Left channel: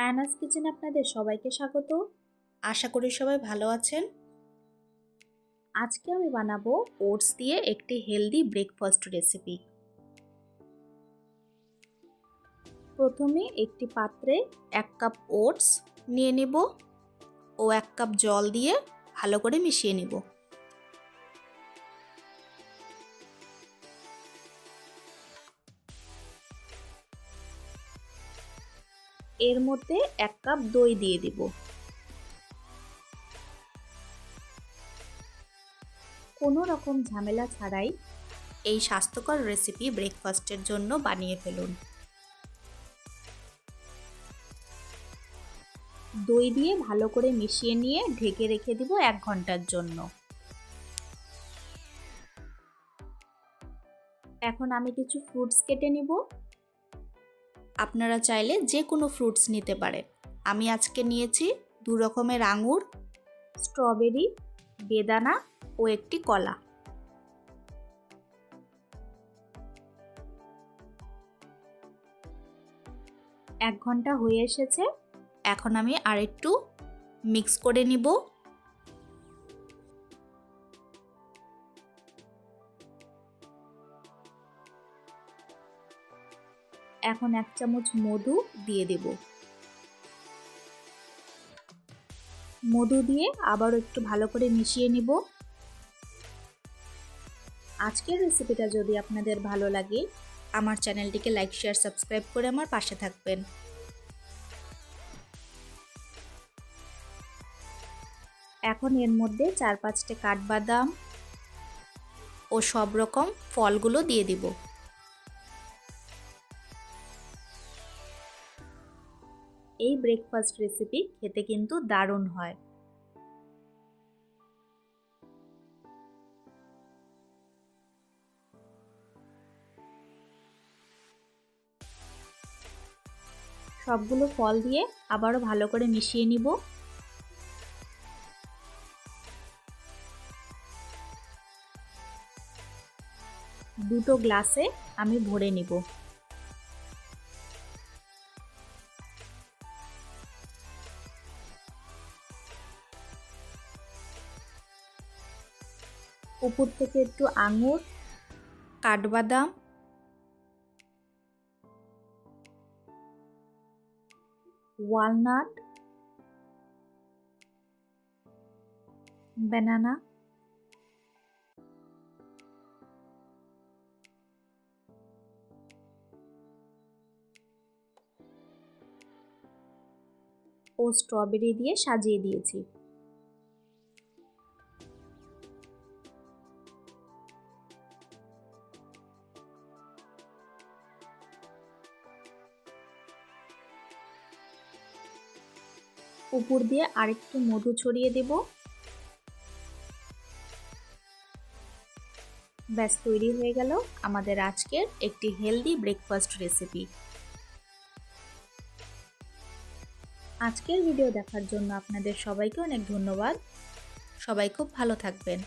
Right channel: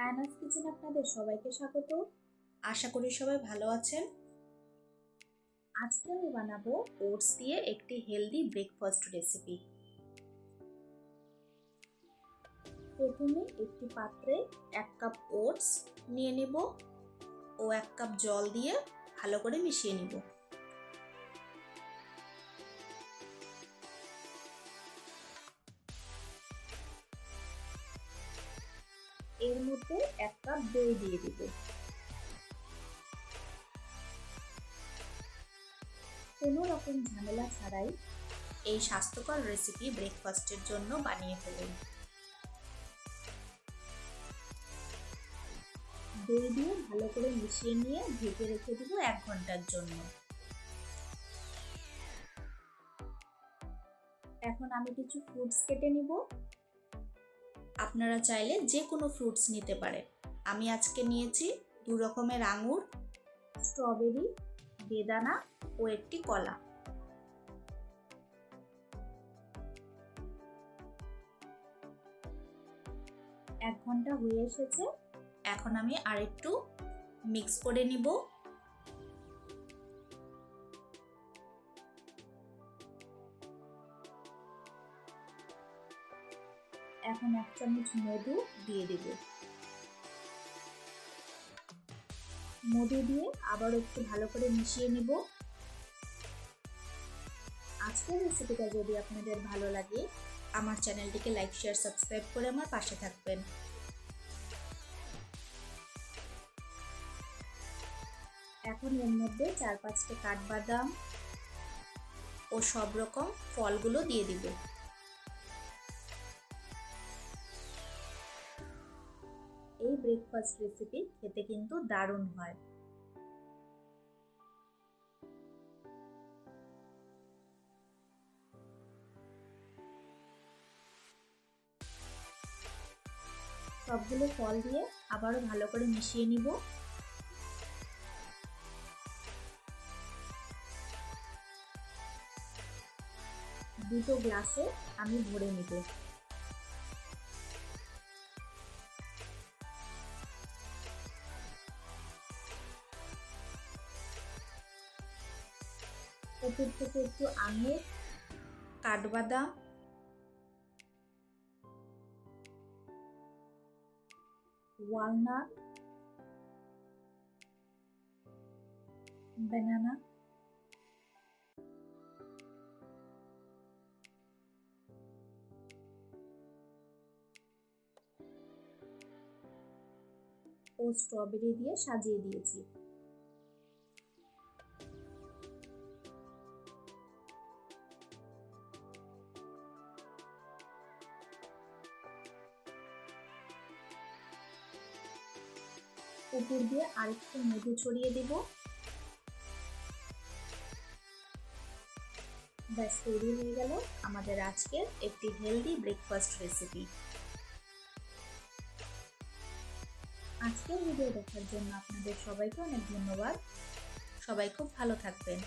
Anas kitchen আপনাদের সবাইকে স্বাগত। আশা করি সবাই ভালো আছেন। আজকে আমি বানাবো ওটস দিয়ে একটি হেলদি ব্রেকফাস্ট রেসিপি। প্রথমে একটি পাত্রে 1 কাপ ওটস নিয়ে নেব ও 1 কাপ জল দিয়ে ভালো করে মিশিয়ে নেব। এর মধ্যে 1 কাপ দই দিয়ে দেব। কোনো রকম ঝামেলা ছাড়াই এই স্বাস্থ্যকর রেসিপি ব্রেকফাস্টের জন্য বানিয়ে ফেলুন। দই দিয়ে ভালো করে মিশিয়ে নিয়ে ঢেকে রেখে দিব 1 ঘন্টার জন্য। এখন আমি কিছু ফ্রুটস কেটে নিব। আপনারা চাইলে যে কোনো ফ্রুটস নিতে পারেন। আমি আজকে নিয়েছি 2 রকমের আঙুর, স্ট্রবেরি, বেদানা ও একটি কলা। এক ঘন্টা হয়ে এসেছে। এখন আমি আরেকটু মিক্স করে নিব। এখন 1 চামচ মধু দিয়ে দেব। মধু দিয়ে আবারও একটু ভালো করে মিশিয়ে নিব। আজকের রেসিপিটা যদি আপনাদের ভালো লাগে, আমার চ্যানেলটিকে লাইক, শেয়ার, সাবস্ক্রাইব করে আমার পাশে থাকবেন। এখন এর মধ্যে 4-5টি কাঠবাদাম ও সব রকম ফলগুলো দিয়ে দিব। এই ব্রেকফাস্ট রেসিপি খেতে কিন্তু দারুণ হয়। সবগুলো ফল দিয়ে আবারও ভালো করে মিশিয়ে নিব। দুটো গ্লাসে আমি ভরে নিব। উপর থেকে একটু আঙুর, কাঠবাদাম, ওয়ালনাট, ব্যানানা, ও স্ট্রবেরি দিয়ে সাজিয়ে দিয়েছি। উপর দিয়ে আরেকটু মধু ছড়িয়ে দেব। ব্যাস তৈরি হয়ে গেল আমাদের আজকের একটি হেলদি ব্রেকফাস্ট রেসিপি। আজকের ভিডিও দেখার জন্য আপনাদের সবাইকে অনেক ধন্যবাদ। সবাই খুব ভালো থাকবেন।